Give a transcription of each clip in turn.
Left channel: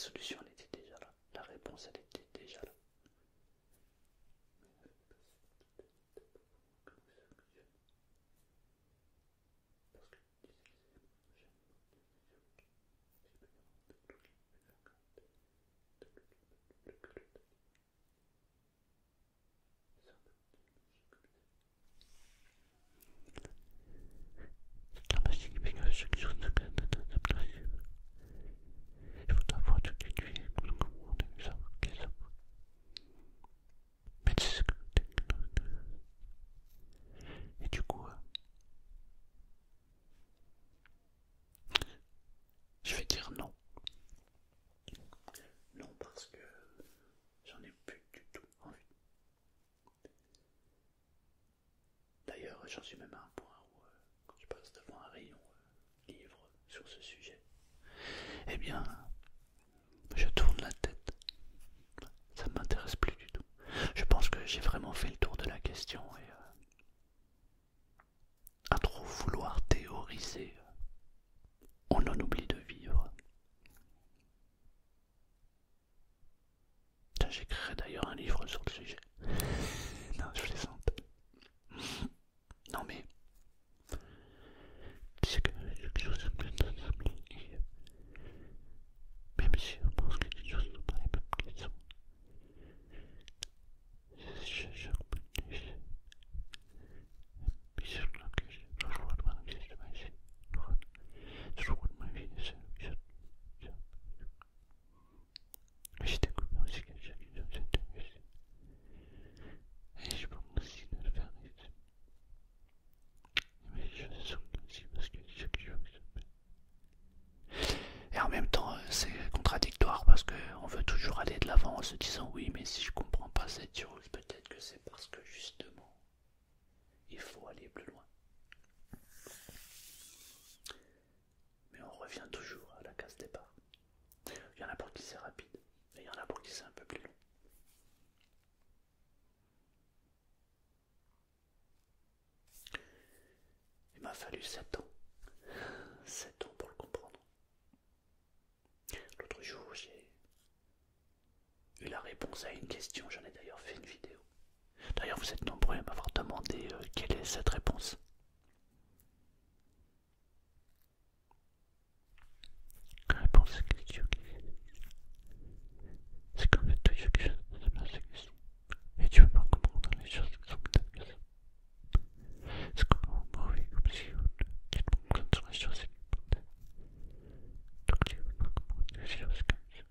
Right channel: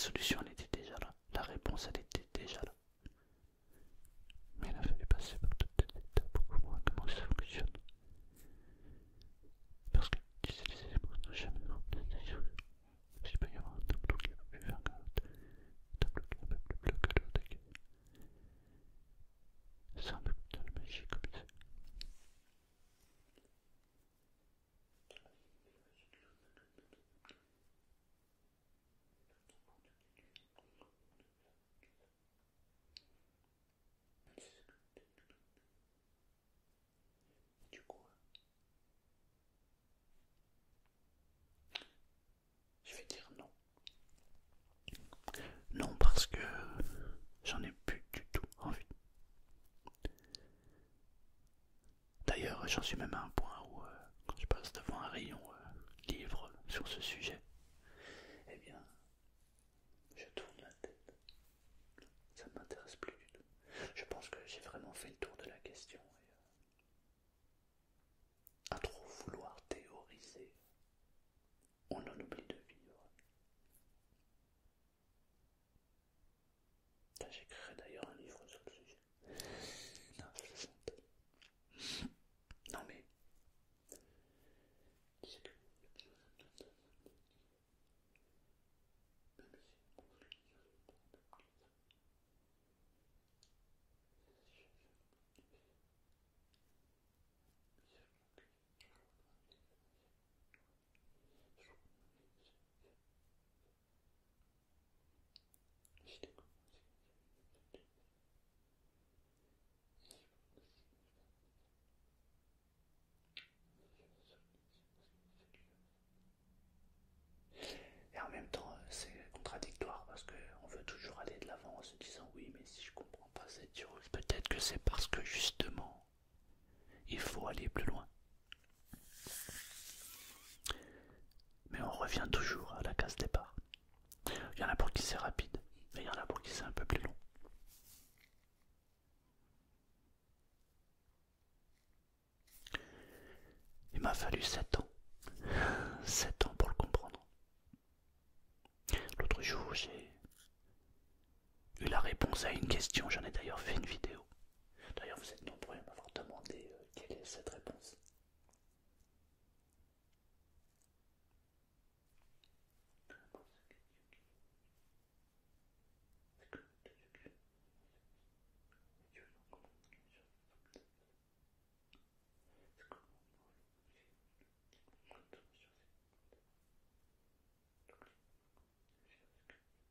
solution elle était déjà là, la réponse elle était déjà là. Mais il a fallu passer par toutes les étapes pour comprendre comment ça fonctionne. Parce que tu sais, les éléments n'ont jamais rendu d'ailleurs. Il peut y avoir un tableau qui va plus vert que l'autre, un tableau qui va plus bleu que l'autre. C'est un peu de la magie comme ça. C'est la magie qui fait que chaque chose se gagne dans sa place. Il faut avoir tout étudié pour comprendre les arbres qui sont. Mais c'est ce que et du coup, je vais dire non. Non parce que j'en ai plus du tout envie. D'ailleurs, j'en suis même à un point où, quand je passe devant un rayon livre sur ce sujet, eh bien, je tourne la tête. Ça ne m'intéresse plus du tout. Je pense que j'ai vraiment fait le tour de la question et à trop vouloir théoriser, on en oublie de vivre. J'écrirai d'ailleurs un livre sur le sujet. Non, je plaisante. Non mais, c'est que quelque chose de plus oublié. Même si on pense que les choses sont pas les mêmes qu'elles sont. Je reconnais. Puis c'est là que je vois de ma vie, je vois de ma vie, j'ai découvert aussi que j'ai intéressé. Et je pense aussi de le faire. Mais je sens aussi parce que c'est ce que je veux. Et en même temps, c'est contradictoire parce qu'on veut toujours aller de l'avant en se disant oui, mais si je comprends pas cette chose, peut-être que c'est parce que justement, il faut aller plus loin. Mais on revient toujours à la case départ. Il y en a pour qui c'est rapide, mais il y en a pour qui c'est un peu plus long. Il m'a fallu 7 ans. 7 ans pour le comprendre. L'autre jour, j'ai eu la réponse à une question, j'en ai d'ailleurs fait une vidéo. D'ailleurs, vous êtes nombreux à m'avoir demandé quelle est cette réponse. La réponse est question. C'est qu'en fait, toujours quelque chose de cette question. Et tu veux pas comprendre les choses qui sont peut-être que ça. C'est comme un mauvais comme si tu te prends sur les choses importantes. Donc tu veux pas comprendre les choses comme ça.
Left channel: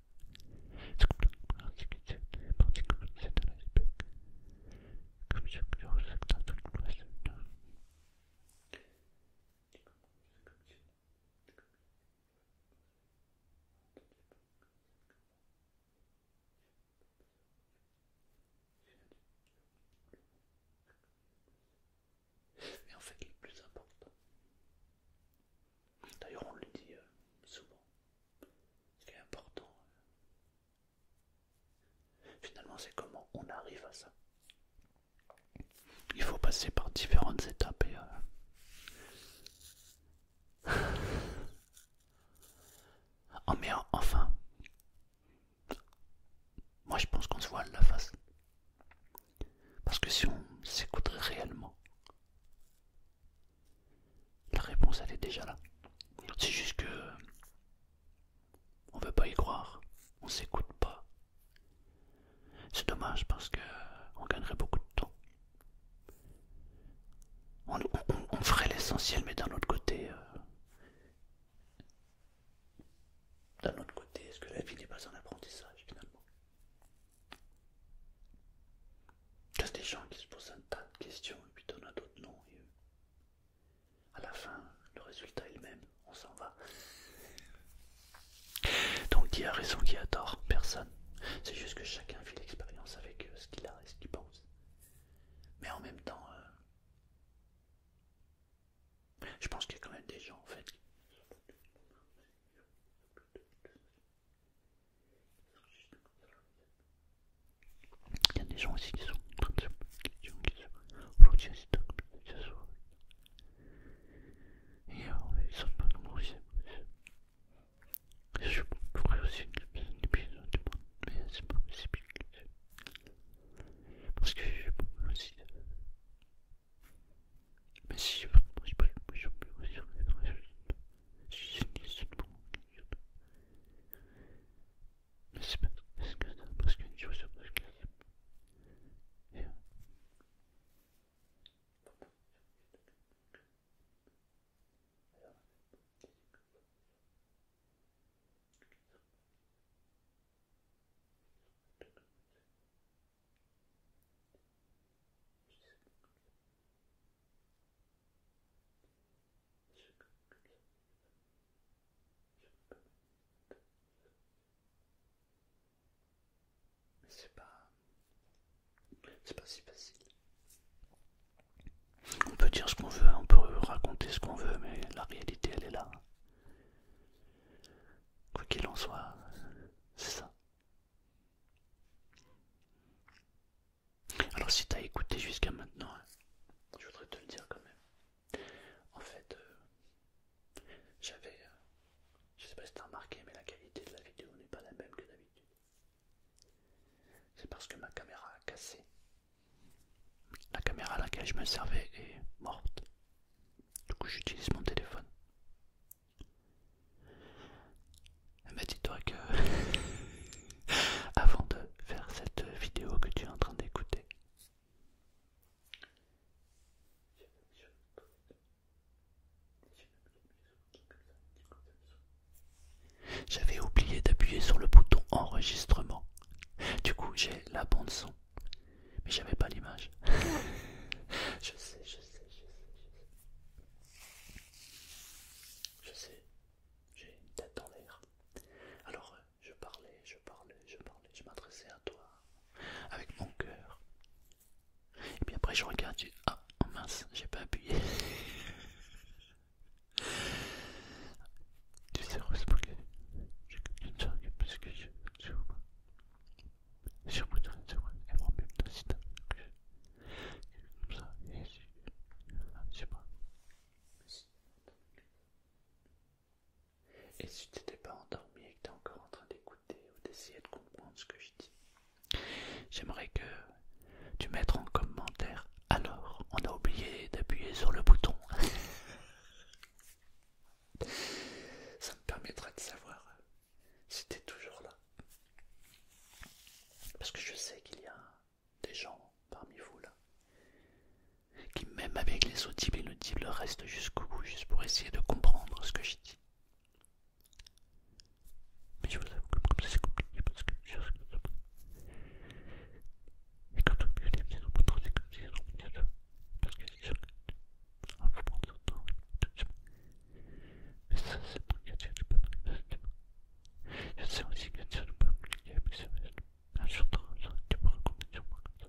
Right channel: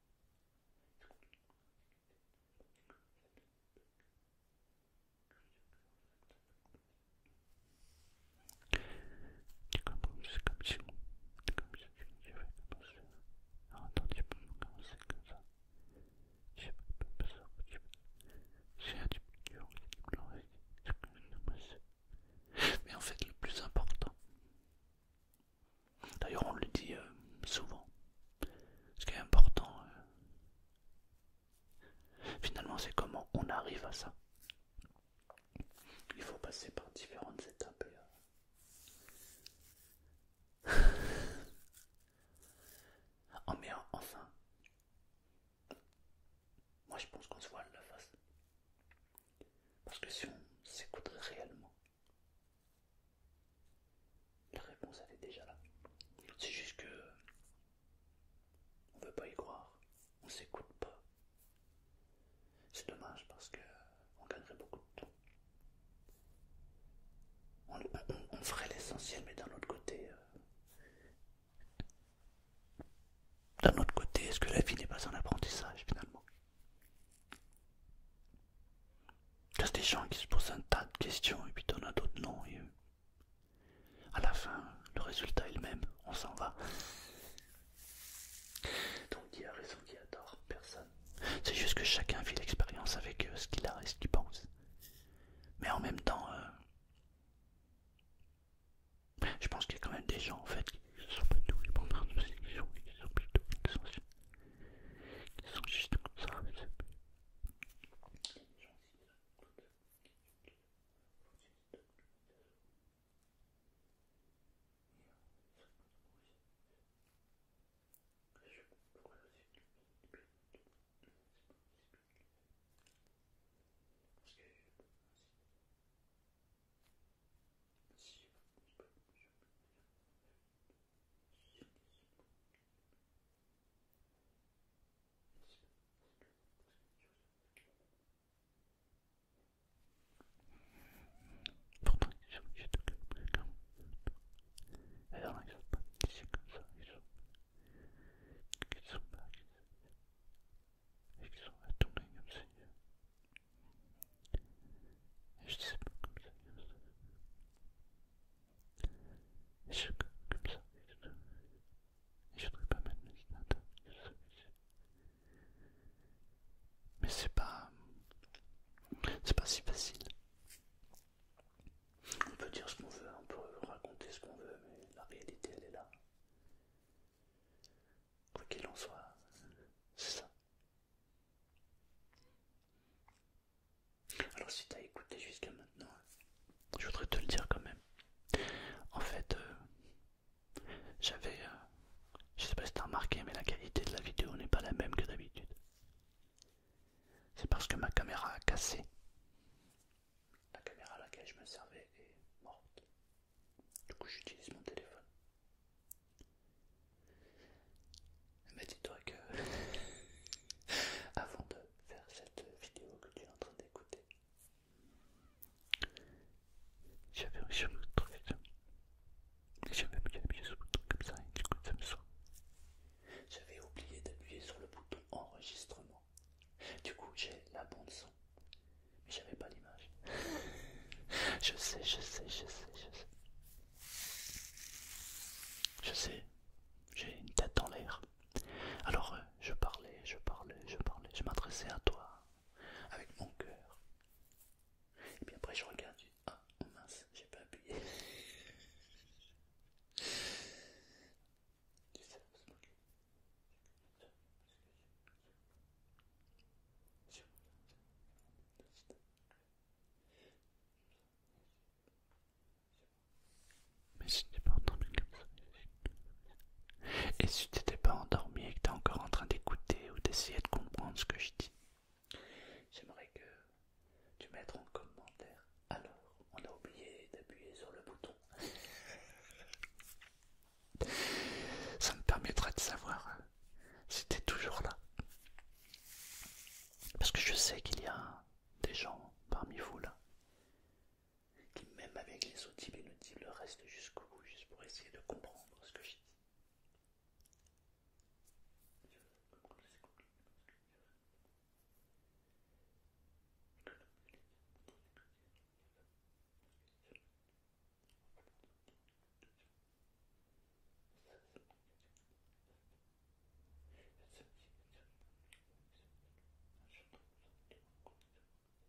C'est complètement insécurité, les parties comme c'est de l'iceberg. Comme chaque chose, c'est que dans toute place. Tu comprends, c'est comme si on. Comme si tu veux commencer. Alors attends, tu peux commencer comme ça. Je sais pas ça, tu veux. C'est un petit peu dur, c'est blanc, c'est comme une masse. Mais en fait, le plus important, d'ailleurs on le dit souvent, ce qui est important, finalement c'est comment on arrive à ça. Il faut passer par différentes étapes et oh, mais enfin, moi je pense qu'on se voile la face. Parce que si on s'écouterait réellement, la réponse elle est déjà là. C'est juste que on veut pas y croire, on s'écoute pas. C'est dommage parce que on gagnerait beaucoup de temps. On ferait l'essentiel, mais d'un autre côté, est-ce que la vie n'est pas un apprentissage finalement? Il y a des gens qui se posent un tas de questions et puis t'en as d'autres non. Et à la fin, le résultat est le même, on s'en va. Donc qui a raison, qui a tort? Personne. C'est juste que chacun vit l'expérience avec ce qu'il a et ce qu'il pense. Mais en même temps, je pense qu'il y a quand même des gens en fait qui ne sont pas du tout répondre à nos questions, qui sont plutôt essentiels, qui sont juste comme ça. Il y a des gens aussi qui sont en train de se poser des questions, qui sont aujourd'hui assez tôt comme ça se voit. Et ils sont pas nombreux aussi. Je pourrais aussi une personne qui Alors si t'as écouté jusqu'à maintenant, je voudrais te le dire quand même. En fait, j'avais... je sais pas si t'as remarqué, mais la qualité de la vidéo n'est pas la même que d'habitude. C'est parce que ma caméra a cassé. La caméra à laquelle je me servais est morte. Du coup j'utilise mon téléphone. Mais dis-toi que avant de faire cette vidéo que tu es en train d'écouter, j'avais reçu un truc. J'avais appuyé sur le bouton comme ça et du coup ça me sort. J'avais oublié d'appuyer sur le bouton enregistrement. Du coup j'ai la bande son. Mais j'avais pas l'image. Je sais. Je sais, j'ai une tête dans l'air. Alors je parlais. Je m'adressais à toi avec mon cœur. Et puis après je regarde, je dis ah oh mince, j'ai pas appuyé. Tu sais, heureusement que j'ai une charge parce que je voudrais et moi-même dans cette comme ça, et je sais pas. Mais si t'es pas entendu comme ça. Et si t'étais pas endormi et que t'es encore en train d'écouter ou d'essayer de comprendre ce que je dis, j'aimerais que tu mettes en commentaire. Alors, on a oublié d'appuyer sur le bouton. Ça me permettra de savoir si t'es toujours là. Parce que je sais qu'il y a des gens parmi vous là qui, même avec les audibles et inaudibles, restent jusqu'au bout juste pour essayer de comprendre ce que je dis. Mais je vous avoue que comme ça c'est compliqué parce que je sais que et quand on peut les bien comprendre, c'est comme si on pouvait le parce que c'est sûr que faut prendre son temps tout doucement. Mais ça c'est pour que tu peux pas le faire. Je sais aussi que c'est un peu compliqué mais c'est vrai. Un jour tu peux raconter sur moi comme ça.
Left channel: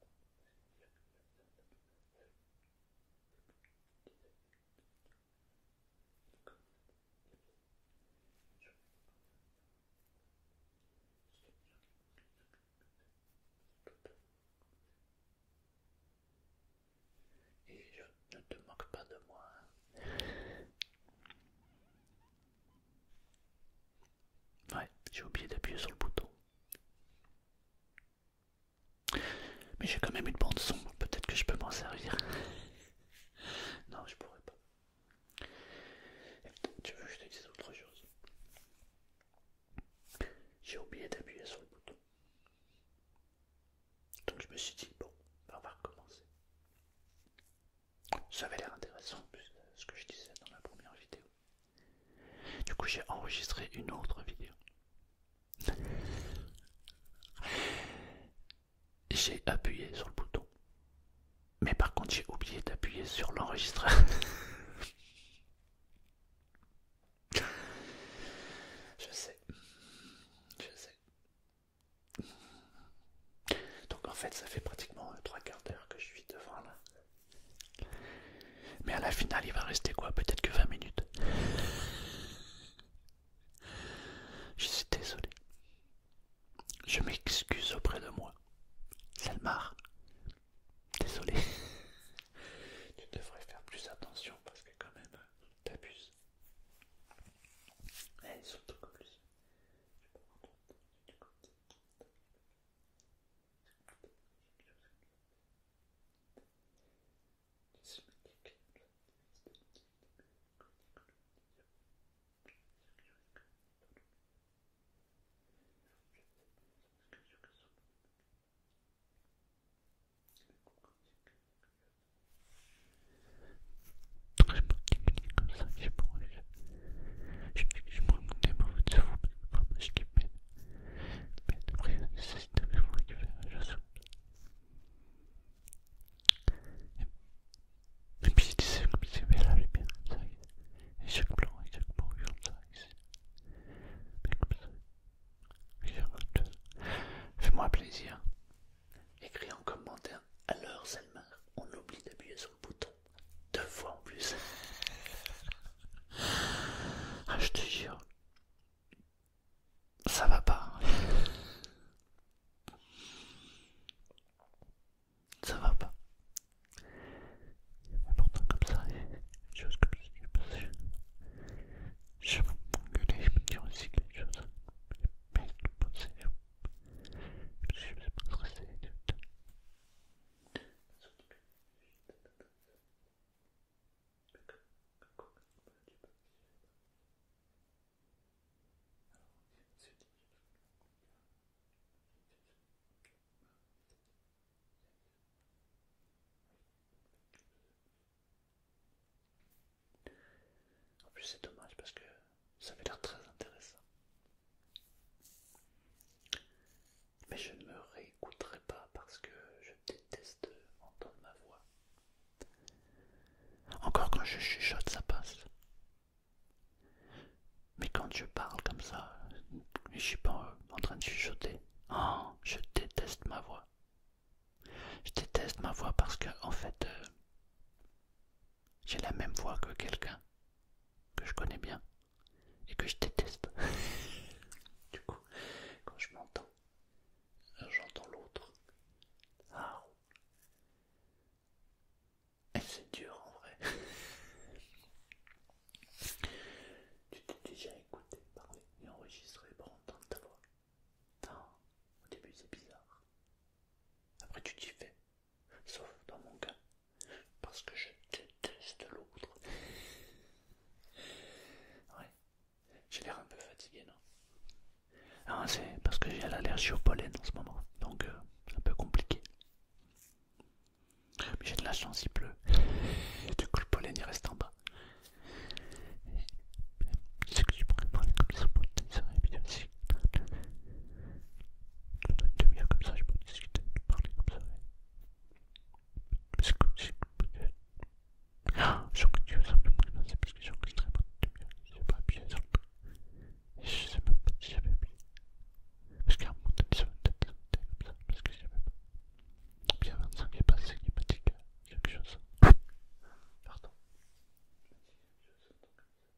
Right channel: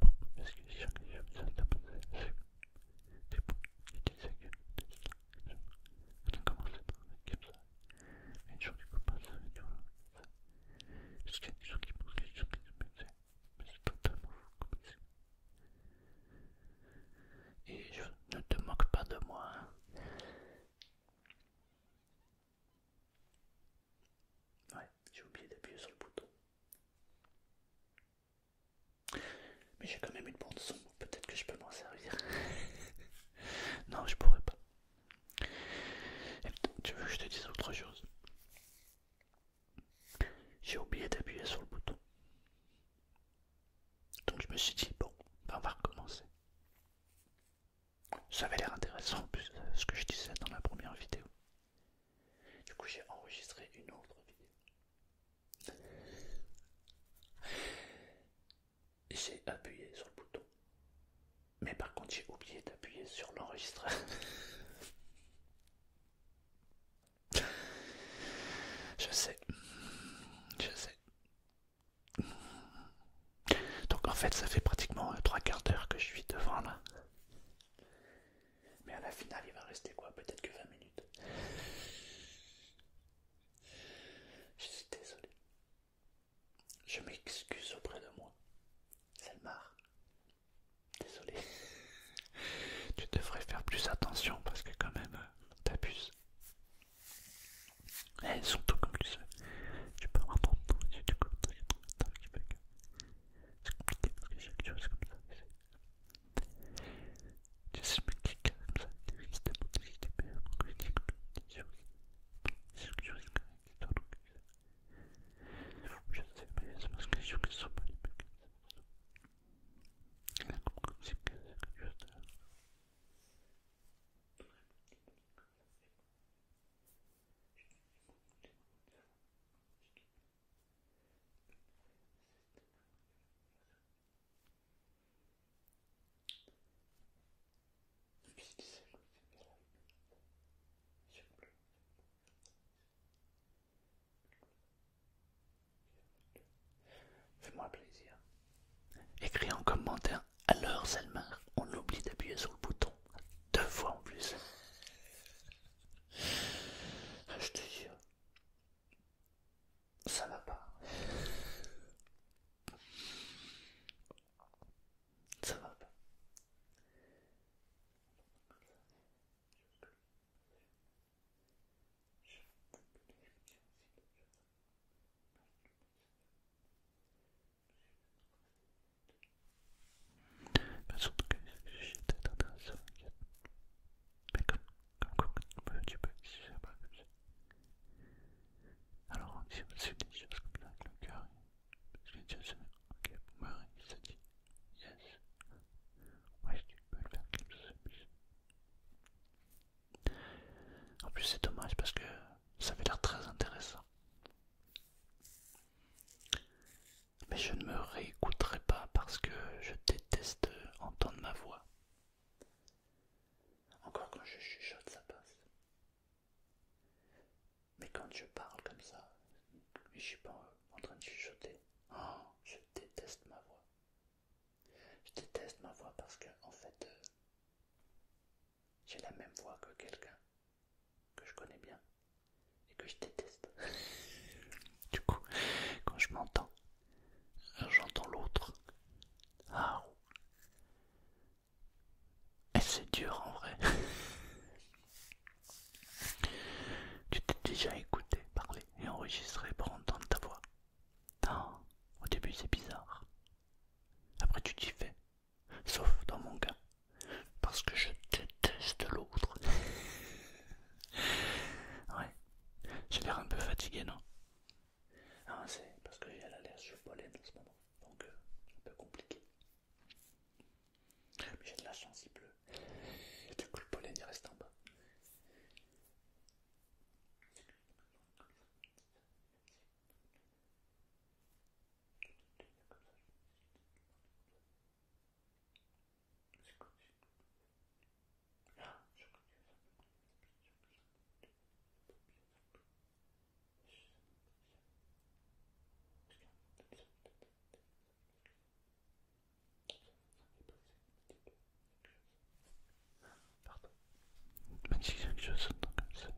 Bon, parce que c'est sûr que je ça t'a pas fait. C'est bon, il disait que on a commencé par un mec comme ça. Mais une jour tu peux pas ça, tu vois. Parce qu'il y a des gens qui pensent que les gens qui se mettent, mais c'est totalement fou comme c'est. Et je ne te moque pas de moi. Hein. Ouais, j'ai oublié d'appuyer sur le bouton. Mais j'ai quand même une bande son, peut-être que je peux m'en servir. Non, je pourrais pas. Et tu veux que je te dise autre chose? J'ai oublié d'appuyer sur le bouton. Donc je me suis dit, bon, on va recommencer. Ça avait l'air intéressant, plus ce que je disais dans la première vidéo. Du coup, j'ai enregistré une autre vidéo. J'ai appuyé sur le bouton. Mais par contre, j'ai oublié d'appuyer sur l'enregistreur. Je sais. Donc en fait, ça fait pratiquement 3/4 d'heure que je suis devant là. Mais à la finale, il va rester quoi? Peut-être que 20 minutes. Je suis désolé. Je m'excuse auprès de moi. Selmar, désolé. Tu devrais faire plus attention parce que quand même, t'abuses. Et surtout comme tu peux avoir ton temps et du coup, c'est compliqué parce que chaque chose comme ça. Tu sais, mais quelqu'un comme ça, c'était mon idée, mais pourquoi je dis comme des choses? Chaque chose comme ça, donc je sais, mais c'est parce que je ne sont pas les mecs. Il a compris que c'est quelque chose de très particulier comme ça, je sais pas, je me rends des mauvais de vous, mais vraiment, je kiffe, mais après, c'est de me récupérer, je sais. je ne me réécouterai pas parce que je déteste entendre ma voix. Encore quand je chuchote, ça passe. Mais quand je parle comme ça, je suis pas en train de chuchoter. Oh, je déteste ma voix. Je déteste ma voix parce que, en fait, j'ai la même voix que quelqu'un que je connais bien et que je déteste. Du coup, quand je m'entends, j'entends l'autre. Ah, et c'est dur en vrai. Tu t'es déjà écouté parler et enregistré pour entendre ta voix? Non, au début c'est bizarre. Après tu t'y fais. Sauf dans mon cas, parce que je déteste l'autre. Ouais, j'ai l'air un peu fatigué, non? Ah, c'est parce que j'ai l'allergie au pollen en ce moment, donc un peu compliqué. Mais j'ai de la chance, il pleut. Du coup, le pollen il reste en bas. C'est que je pourrais parler comme ça pour te dire, et puis aussi, pendant une demi-heure comme ça, je peux discuter, parler comme ça. Mais c'est comme si. Ah, je sens que tu veux simplement c'est parce que j'ai enregistré pendant une demi-heure. J'ai pas appuyé sur le bouton. Et je sais même pas si j'avais appuyé. Parce qu'à un moment donné, ça va peut-être sauter comme ça, parce que je savais pas. Puis à 25 est passé, il m'a dit quelque chose. Pardon. Il m'a dit quelque chose comme ça.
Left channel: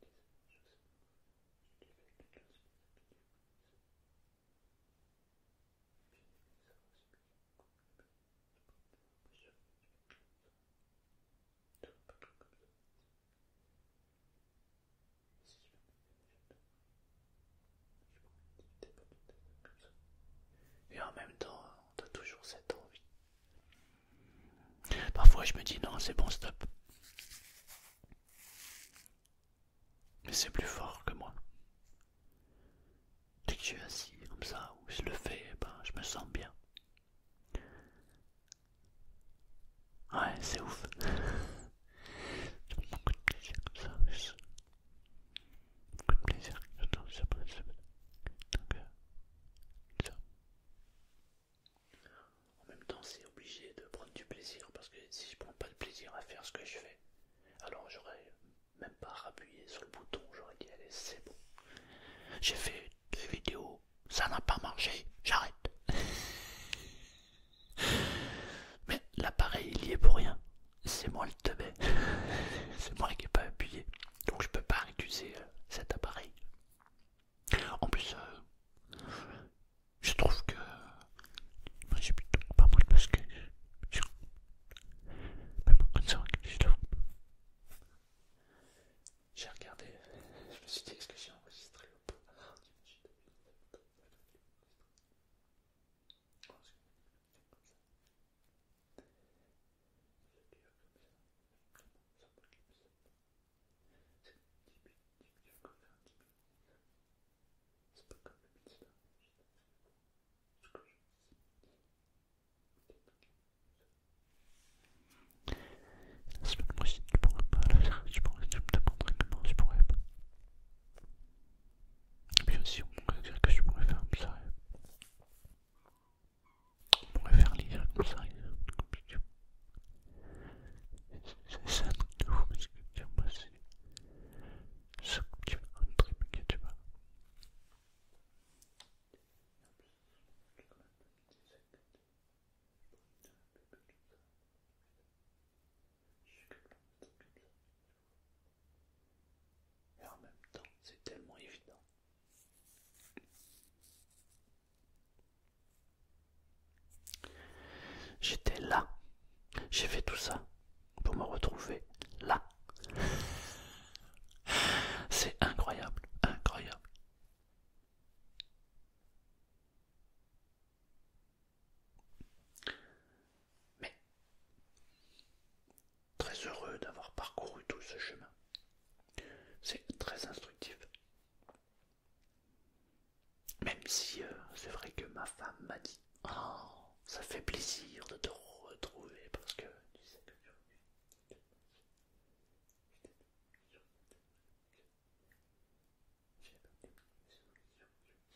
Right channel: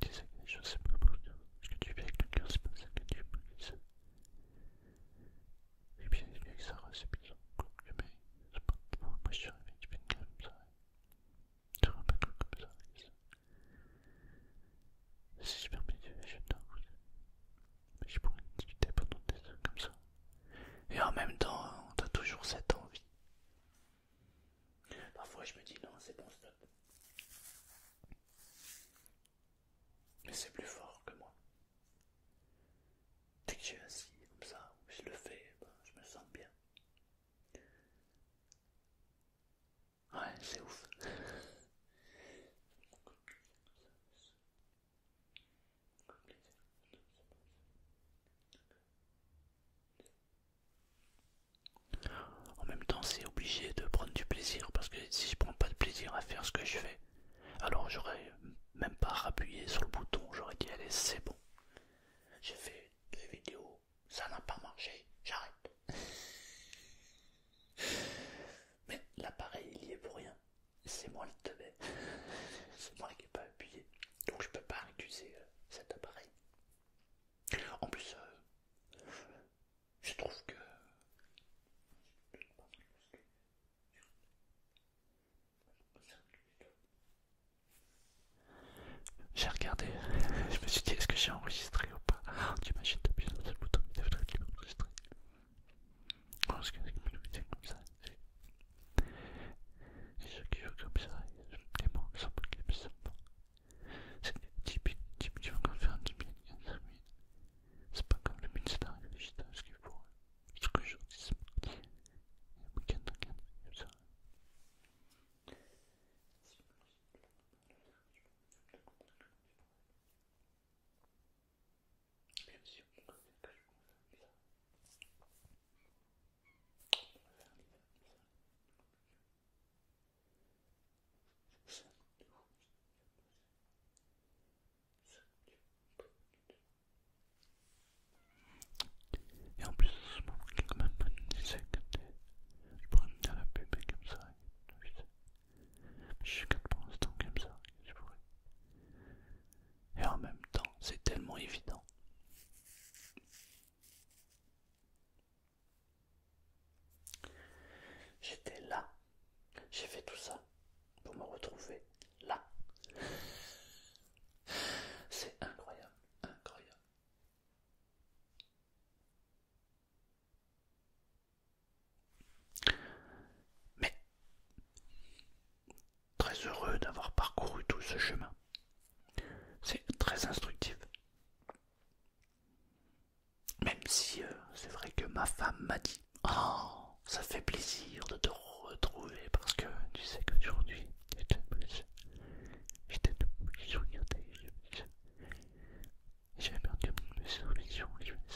Tu sais que je sais pas pour dire. Ce que tu fais avec quelqu'un, c'est pas ça que tu me dis. Et puis il bien que ça reste bizarre. Mais c'est pas. Moi je suis arrivé, tu fais une gueule comme ça. Tu vois pas comme ça. C'est super médiocre, j'adore. Mais je pourrais discuter pendant des heures comme ça. Et en même temps, t'as toujours cette envie. Parfois je me dis non, c'est bon, stop. Mais c'est plus fort que moi. Dès que je suis assis comme ça, ou je le fais, ben, je me sens bien. Ouais, c'est ouf. J'ai beaucoup de plaisir comme ça. Beaucoup de plaisir. J'adore ça. Donc, ça. En même temps, c'est obligé de prendre du plaisir parce que si je prends pas de plaisir à faire ce que je fais, alors j'aurais même pas rappuyé sur le bouton. J'aurais dit allez, c'est bon. J'ai fait 2 vidéos, ça n'a pas marché, j'arrête. Mais l'appareil il y est pour rien. C'est moi le teubé. C'est moi qui n'ai pas appuyé. Donc je peux pas accuser cet appareil. En plus, je trouve que moi j'ai plutôt pas mal parce que même en ça, j'ai regardé, je me suis dit est-ce que j'ai enregistré ou pas. T'imagines t'appuies sur ce bouton, il devrait être enregistré. Parce que c'est comme ça. Et ceux qui jouent comme ça, les mots sont pas comme ça. C'est typique, tu vas encore faire un 10 000, 15 000. C'est pas comme le Minster et le Gita, ce qu'il faut. Ce que je dis, c'est mardi. Week-end, comme ça. La semaine prochaine, tu pourras pas le faire. Tu me demanderais comment je pourrais pas. Et puis aussi, on pourrait dire que je pourrais faire comme ça. On pourrait faire lire comme ça. C'est un truc de fou parce que moi c'est ça que tu vas triper, tu vois. Et en plus, ce moment qui est quand même bonne idée, c'est que je pourrais me faire la pub comme ça. Je suis que pour l'instant comme ça, je pourrais. Et en même temps, c'est tellement évident. J'étais là. J'ai fait tout ça pour me retrouver là. C'est incroyable, incroyable. Mais très heureux d'avoir parcouru tout ce chemin. C'est très instructif. Même si c'est vrai que ma femme m'a dit oh, ça fait plaisir de te retrouver parce que tu sais qu'aujourd'hui j'étais debout, je regardais, j'avais perdu mes solutions, je me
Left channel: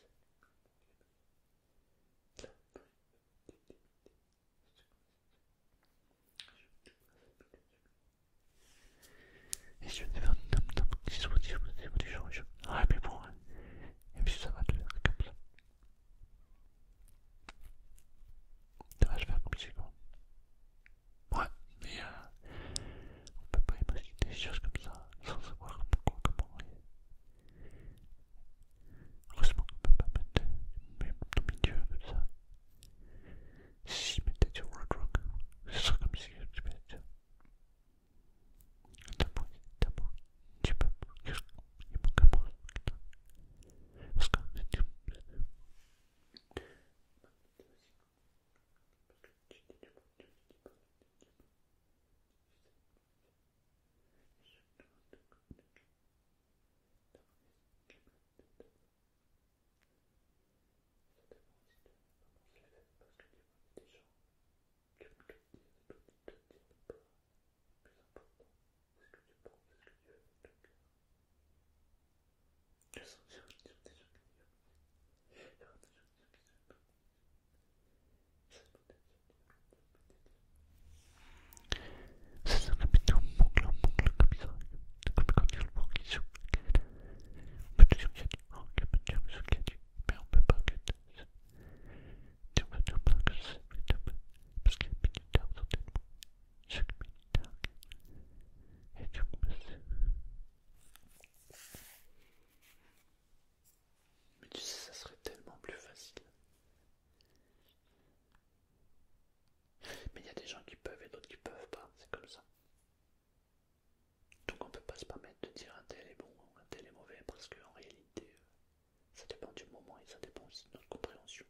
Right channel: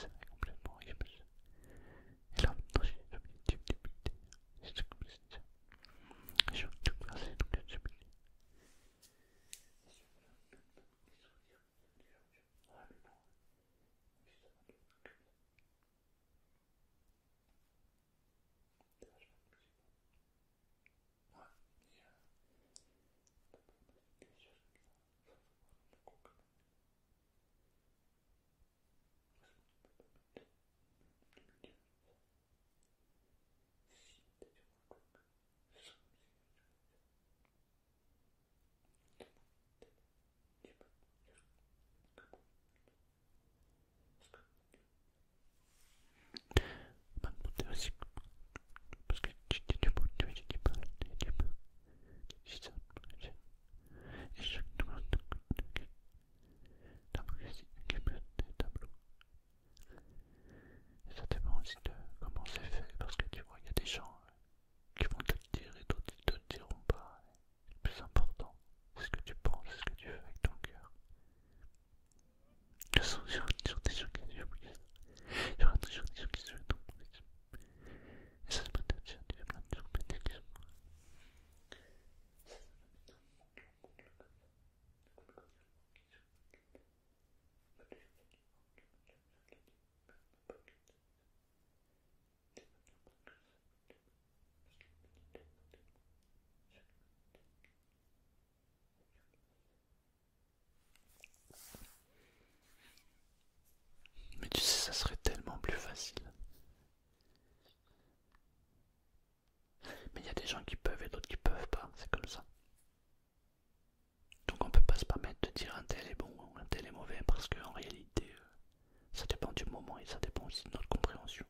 et ça dépend aussi de notre compréhension.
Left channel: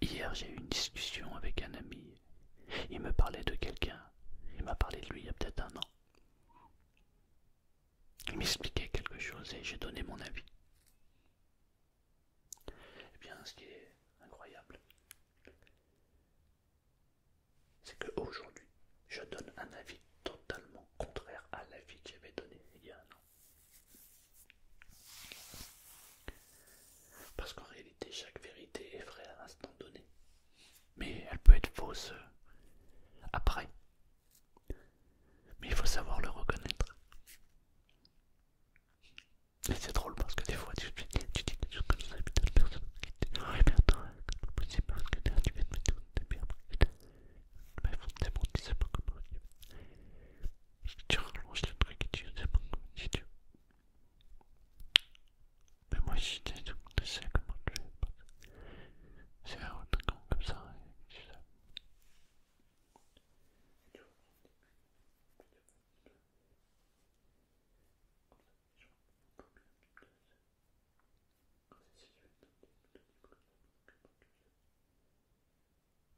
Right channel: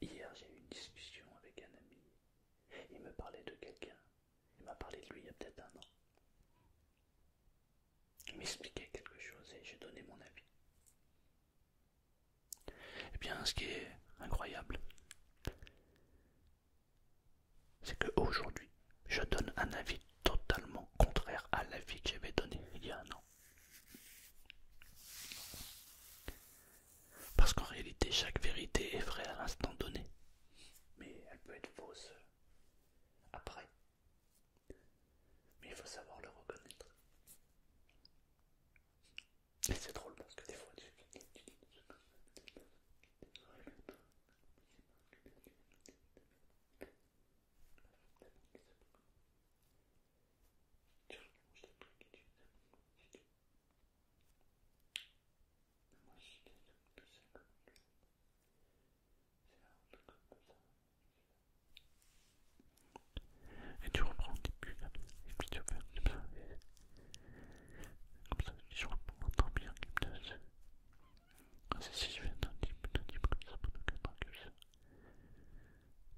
Hier, j'ai eu une discussion avec un ami. Il me parlait de quelqu'un. Il m'a parlé de lui il y a peut-être un an. Il m'expliquait quelque chose et j'ai donné mon avis. Eh bien, ce qui est incroyable, c'est qu'aujourd'hui, je donne un avis totalement contraire à l'avis que j'avais donné il y a un an. Parce qu'en réalité, chaque vérité est vraie à l'instant donné. Mais elle peut être fausse après. Mais il faut savoir le reconnaître. Et c'est drôle parce que des fois tu dis quelque chose comme ça et puis t'as la personne qui te dit: oh mais attends, comment possible parce que là tu viens de mettre tout et puis après bref, c'est bon, tu sais pas comment tu rallonges le truc et tu sais pas comment tu dis. Mais moi je sais comment tu fais. C'est un truc comme ça et tu reprends au début et puis tu fais comme ça. Comme ça, je reprends mon temps bien comme ça. C'est si je fais un petit peu comme ça pendant 4 ans que je sais.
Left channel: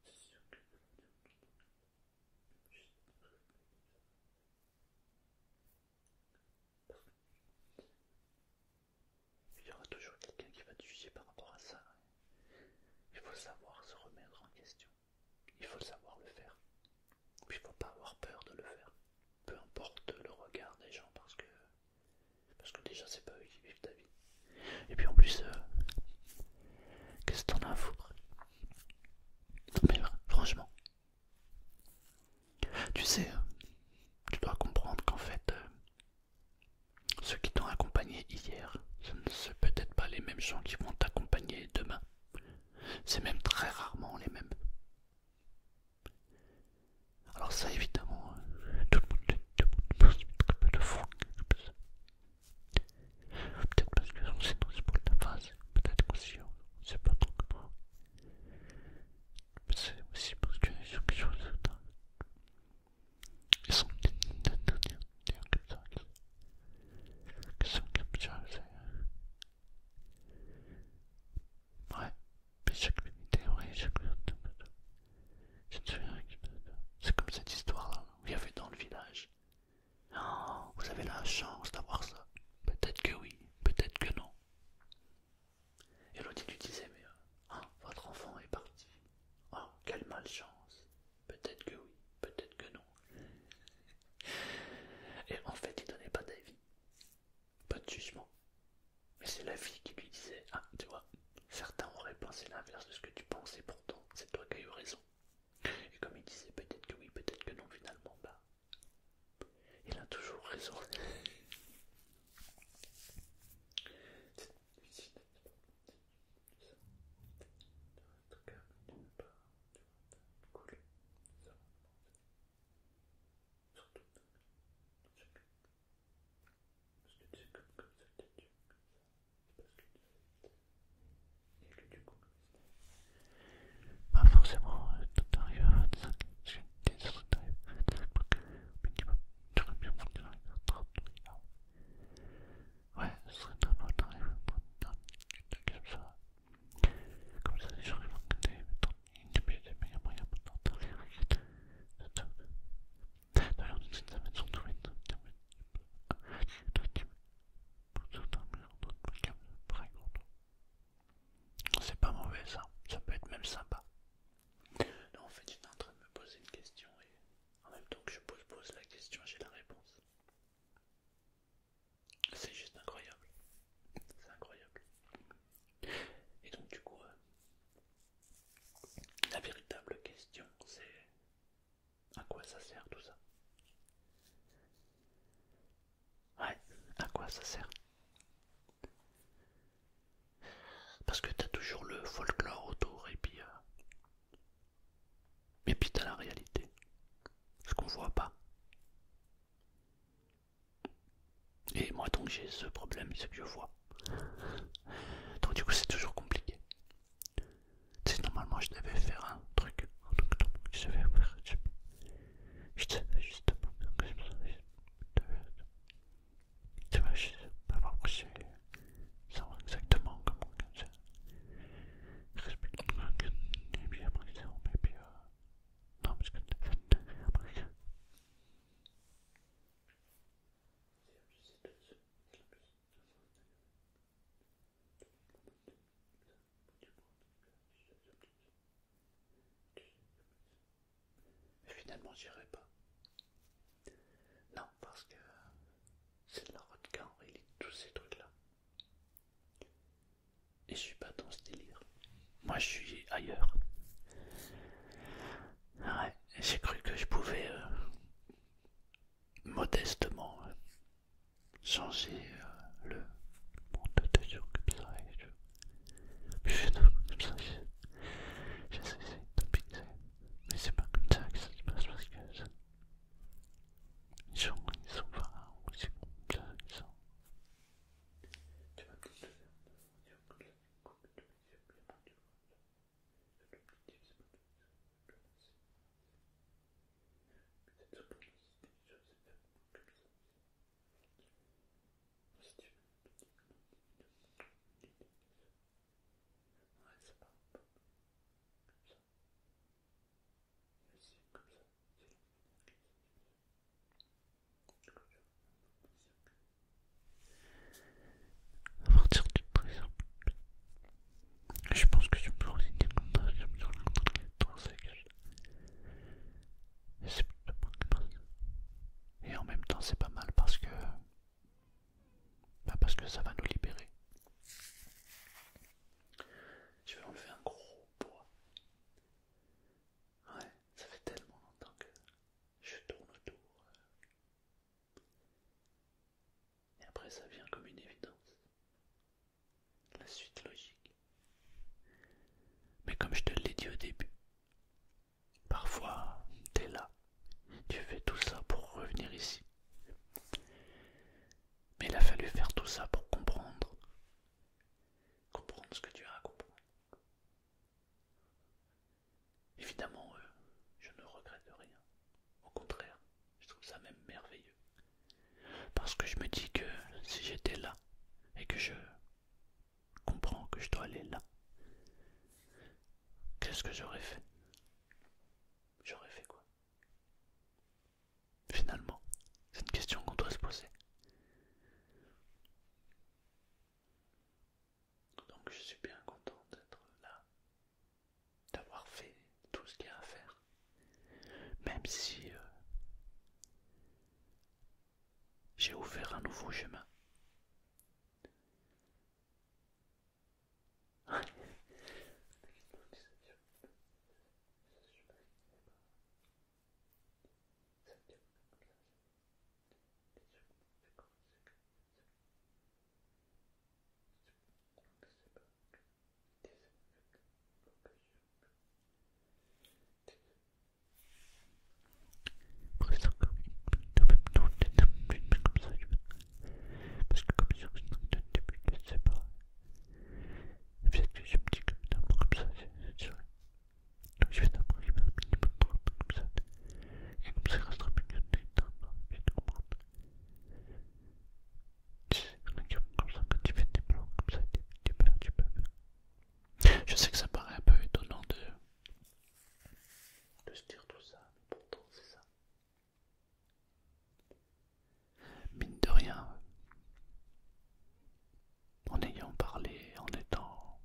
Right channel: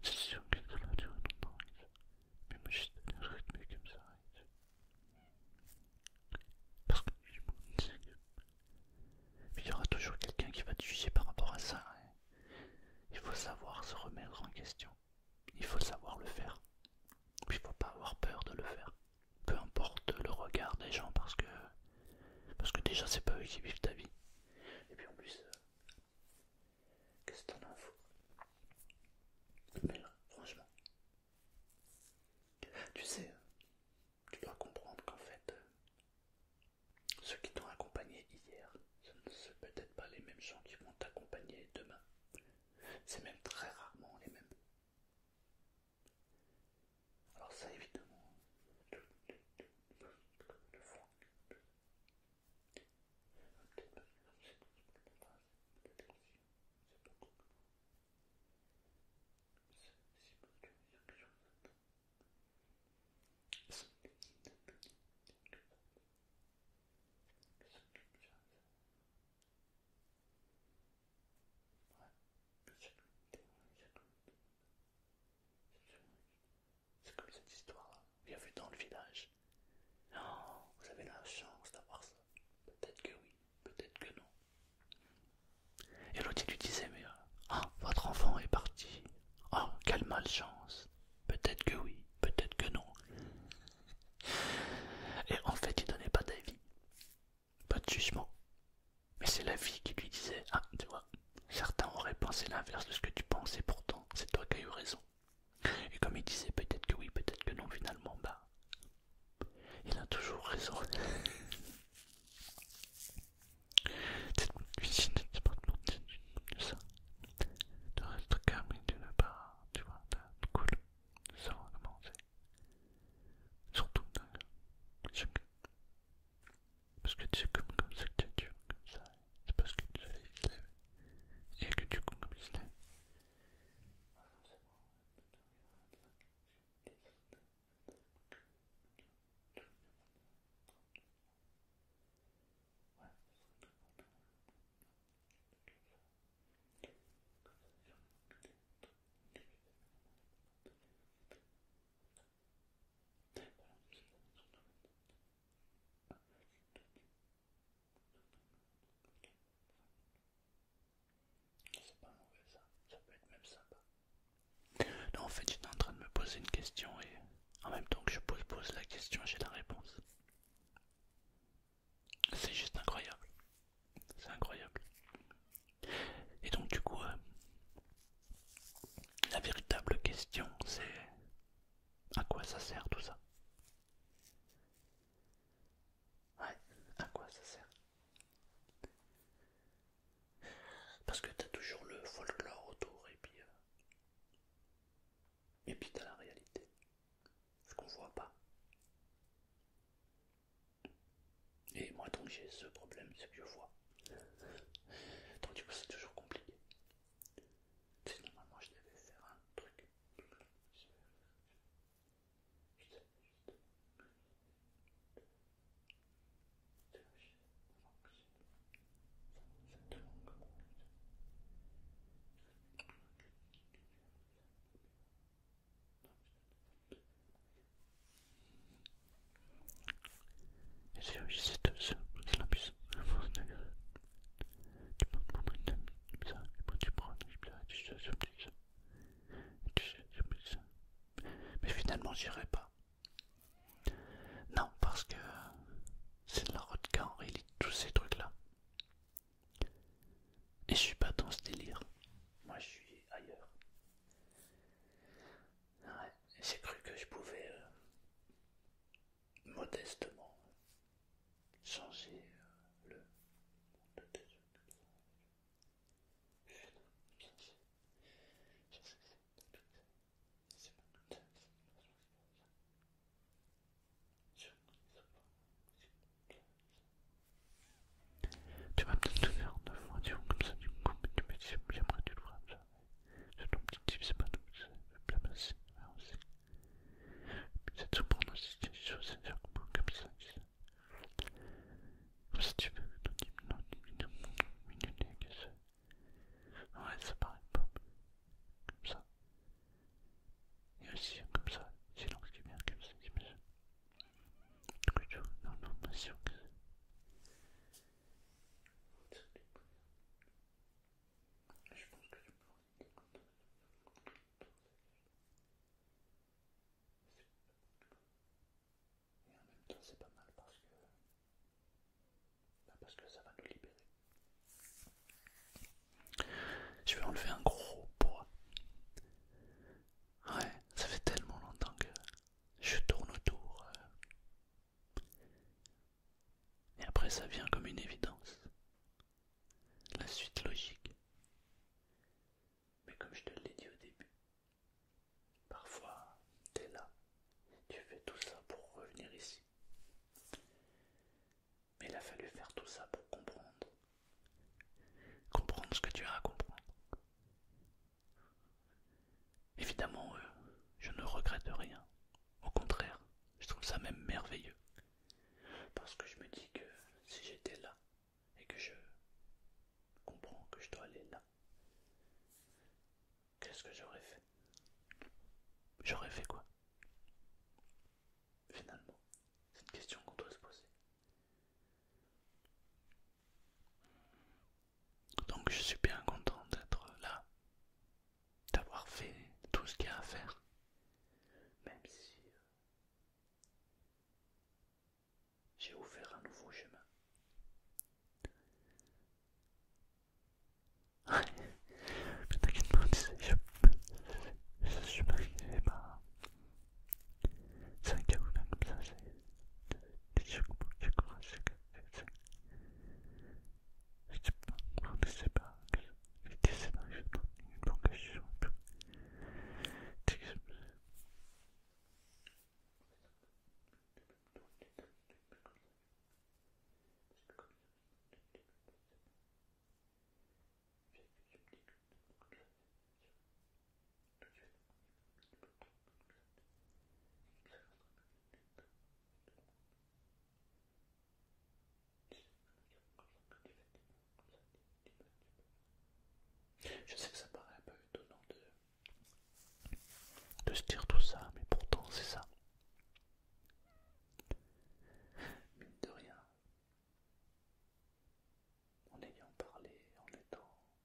C'est sûr que ça va durer longtemps. Mais moi je donne un rythme comme ça. Parce que je me disais que il y aura toujours quelqu'un qui va te juger par rapport à ça. Il faut savoir se remettre en question. Il faut savoir le faire. Il ne faut pas avoir peur de le faire. Peu importe le regard des gens parce que déjà c'est pas eux qui vivent ta vie. Et puis en plus, qu'est-ce que t'en as à foutre? Mais franchement, tu sais, tu dois comprendre qu'en fait, ceux qui t'ont accompagné hier, ce ne sont peut-être pas les mêmes gens qui vont t'accompagner demain. C'est même très rarement les mêmes. Alors ça évidemment, tout le monde peut se mettre un peu de fond. Peut-être parce que on sait dans ce bout de la phase, peut-être qu'aussi on ne sait pas trop comment. Mais c'est aussi parce que les gens qui jouent ça, ils sont comme ça, qui sont comme ça, ouais, mais chaque vérité, ouais, chaque vérité, je te souviens, c'est comme cette histoire-là, où il y avait dans le village. Oh, vous avez la chance d'avoir ça. Peut-être que oui, peut-être que non. Et l'autre lui disait: mais votre enfant est parti. Oh, quelle malchance. Peut-être que oui, peut-être que non. Et en fait, il donnait pas d'avis, pas de jugement. Mais c'est la vie qui lui disait: ah, tu vois, certains auraient pensé l'inverse de ce que tu penses et pourtant, c'est toi qui as eu raison. Et comme il disait peut-être que oui, peut-être que non, finalement, bah, il a toujours raison. Cette cuisine, c'est pas de ça. De rester calme et de ne pas, tu vois, de cool, de savoir comment c'est. Surtout, chaque... parce que tu sais comme ça que tu comme ça, c'est parce que tu sais, il se lève. Et que du coup, comme il se lève, bah forcément, t'arrives à 25, des autres t'arrives à 25, minimum, tu aurais bien voulu arriver à 30, ouais, ce serait normal d'arriver à 30, comme ça. Comme ça, les gens ils vont regarder, mais il y a moyen maintenant d'arriver à d'ailleurs, toutes ces semaines sont douées de c'est pas mauvais ça peut être même sympa. Non, en fait, j'étais en train de me poser une question et en même temps que je pose la question, j'ai la réponse. C'est juste incroyable. C'est incroyable. Et donc, du coup, la véritable question, c'est: à quoi ça sert tout ça? Ouais, à quoi ça sert? Parce que t'as toujours le folklore autour et puis t'as la réalité, ce qu'on voit pas. Et moi donc j'ai ce problème, c'est que je vois. Donc du coup c'est toujours compliqué. C'est normalement je devais faire un truc. Je devais faire, je devais justement faire comme ça. Tu vois, je sais pas pourquoi c'est ça exactement. j'irai pas. Non, parce que c'est de la vodka en réalité, tous ces trucs-là. Et je suis pas dans ce délire. Moi, je suis ailleurs. Ouais, j'ai cru que je pouvais modestement changer le monde de gens comme ça. Et je fais comme ça, j'essaie d'optimiser. Mais c'est pas comme ça que ça se passe parce que les gens ils sont pas aussi comme ça. Tu vas peut-être te faire 9 mois, tu vois, comme ça, du coup, mais tu me dis, puis après tu le feras comme ça. C'est ton petit type, c'est pas tout, c'est bien passé. Aussi. Puis c'est de se prendre aussi des choses, c'est de faire comme ça. Comme ça, tu veux que ton type, non, minute, que ça. Ouais, ça paraît pas comme ça. Et aussi, comme ça, silence qui vient comme ça, t'imagines. Du coup, tu vois, non, mais si on à partir du présent. Je pense que tu peux aussi dire comme ça, je me suis rencontré dans ces cages. Et c'est plutôt bon que ça. Et en même temps, c'est pas mal parce que. Bah parce que ça va nous libérer. Je vais enlever un gros poids. Ouais, ça fait tellement longtemps que je tourne autour. Et après, ça vient comme une évidence. La suite logique. Mais comme je te l'ai dit au début, parfois, t'es là. Tu fais tout ça pour revenir ici. Mais il a fallu faire tout ça pour comprendre. Comprendre ce que tu as à comprendre. Évidemment, je ne regrette rien. Au contraire, je trouve ça même merveilleux. Parce que je me dis que si j'étais là et que je comprends que je dois aller là, qu'est-ce que j'aurais fait? J'aurais fait quoi? Finalement, c'est une question qu'on doit se poser. Donc je suis bien content d'être là, d'avoir fait tout ce qu'il y a à faire, même si j'ai ouvert un nouveau chemin. Mais t'inquiète pas, tu sais, je suis arrivé, bah, c'est un chaos là comme ça, c'est chaque mot, chaque phrase, je sais pas, on ne sait pas, je sais pas, je sais pas, une vocation, après c'est encore une même nom, comme ça, parce que comme sur le début, je sais pas, peut-être que je me dis que d'abord comme ça, c'est sûr. Donc je vais d'abord y mettre un minimum de temps comme ça. Et comme ça, il restera plus que des temps pour bien comprendre. Tu sais, comme ça, quand tu fais des plans comme ça, tu peux faire. Je sais que ça paraît un peu étonnant de se dire tout ça, mais pourtant c'est ça. Mine de rien, en ayant parlé, en étant.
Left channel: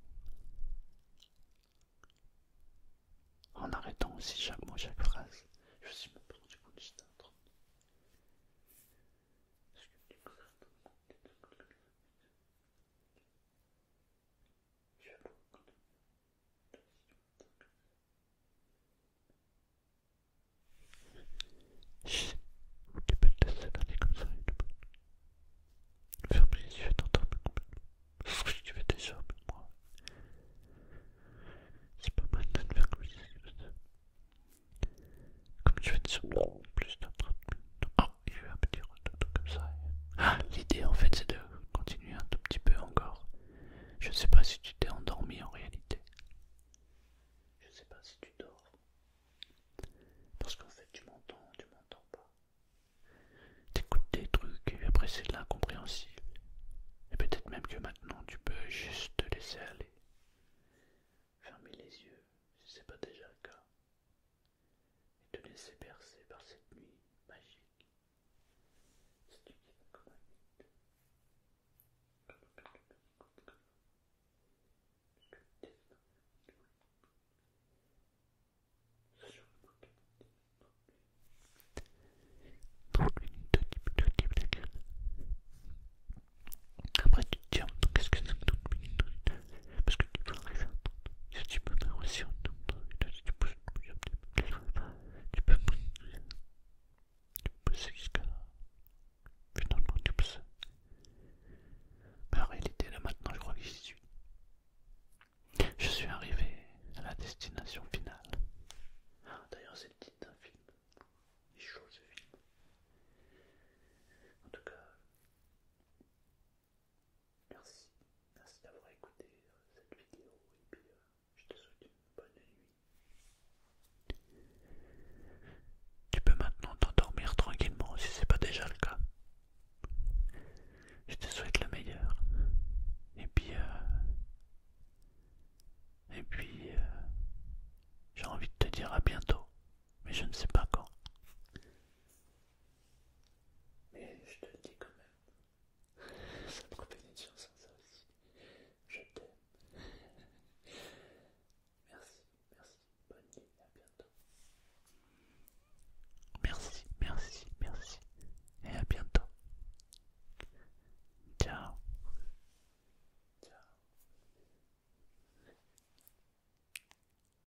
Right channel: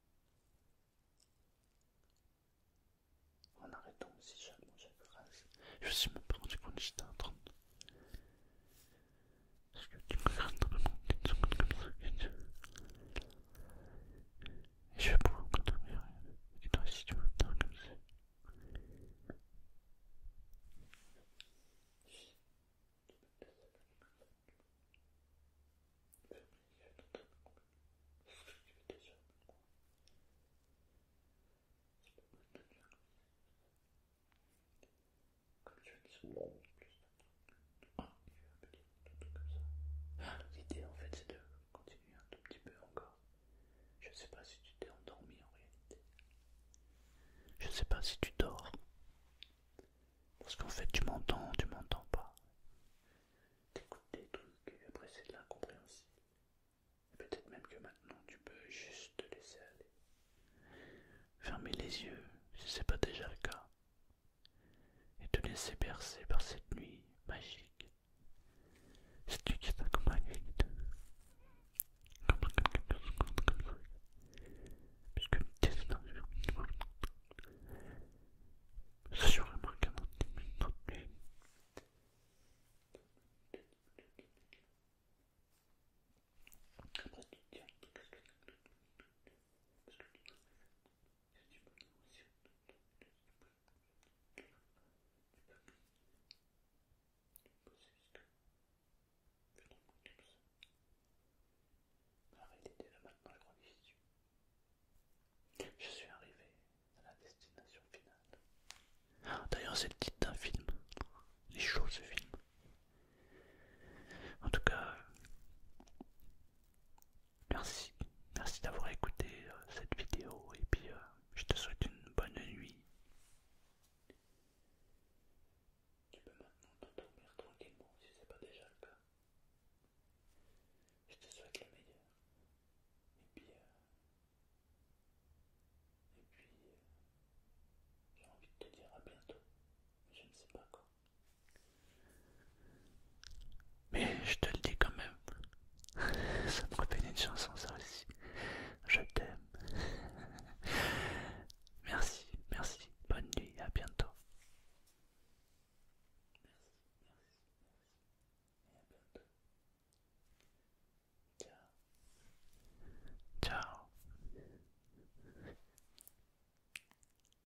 En arrêtant aussi chaque mot, chaque phrase, je me suis même pas rendu compte que j'étais en train de. Parce que tu me regardes dans le monde d'une seconde comme ça, et je vais pouvoir m'endormir. Et toi, si tu veux faire comme ça. Chut, tu peux te laisser aller comme ça et te fermer les yeux et t'endormir complètement. C'est ce que tu fais déjà, mais moi, c'est pas mal de te faire comme ça. Comme tu fais déjà plus de 30 minutes. Oh, il y a eu un petit retour comme ça. Ah, l'idée en fait, c'est de continuer un tout petit peu encore. Je sais pas si tu t'es endormi en réalité. Je sais pas si tu dors. Parce qu'en fait, tu m'entends pas. T'écoutes des trucs et après c'est de l'incompréhensible. Et peut-être même que maintenant tu peux juste te laisser aller. Fermer les yeux si c'est pas déjà le cas. Et te laisser bercer par cette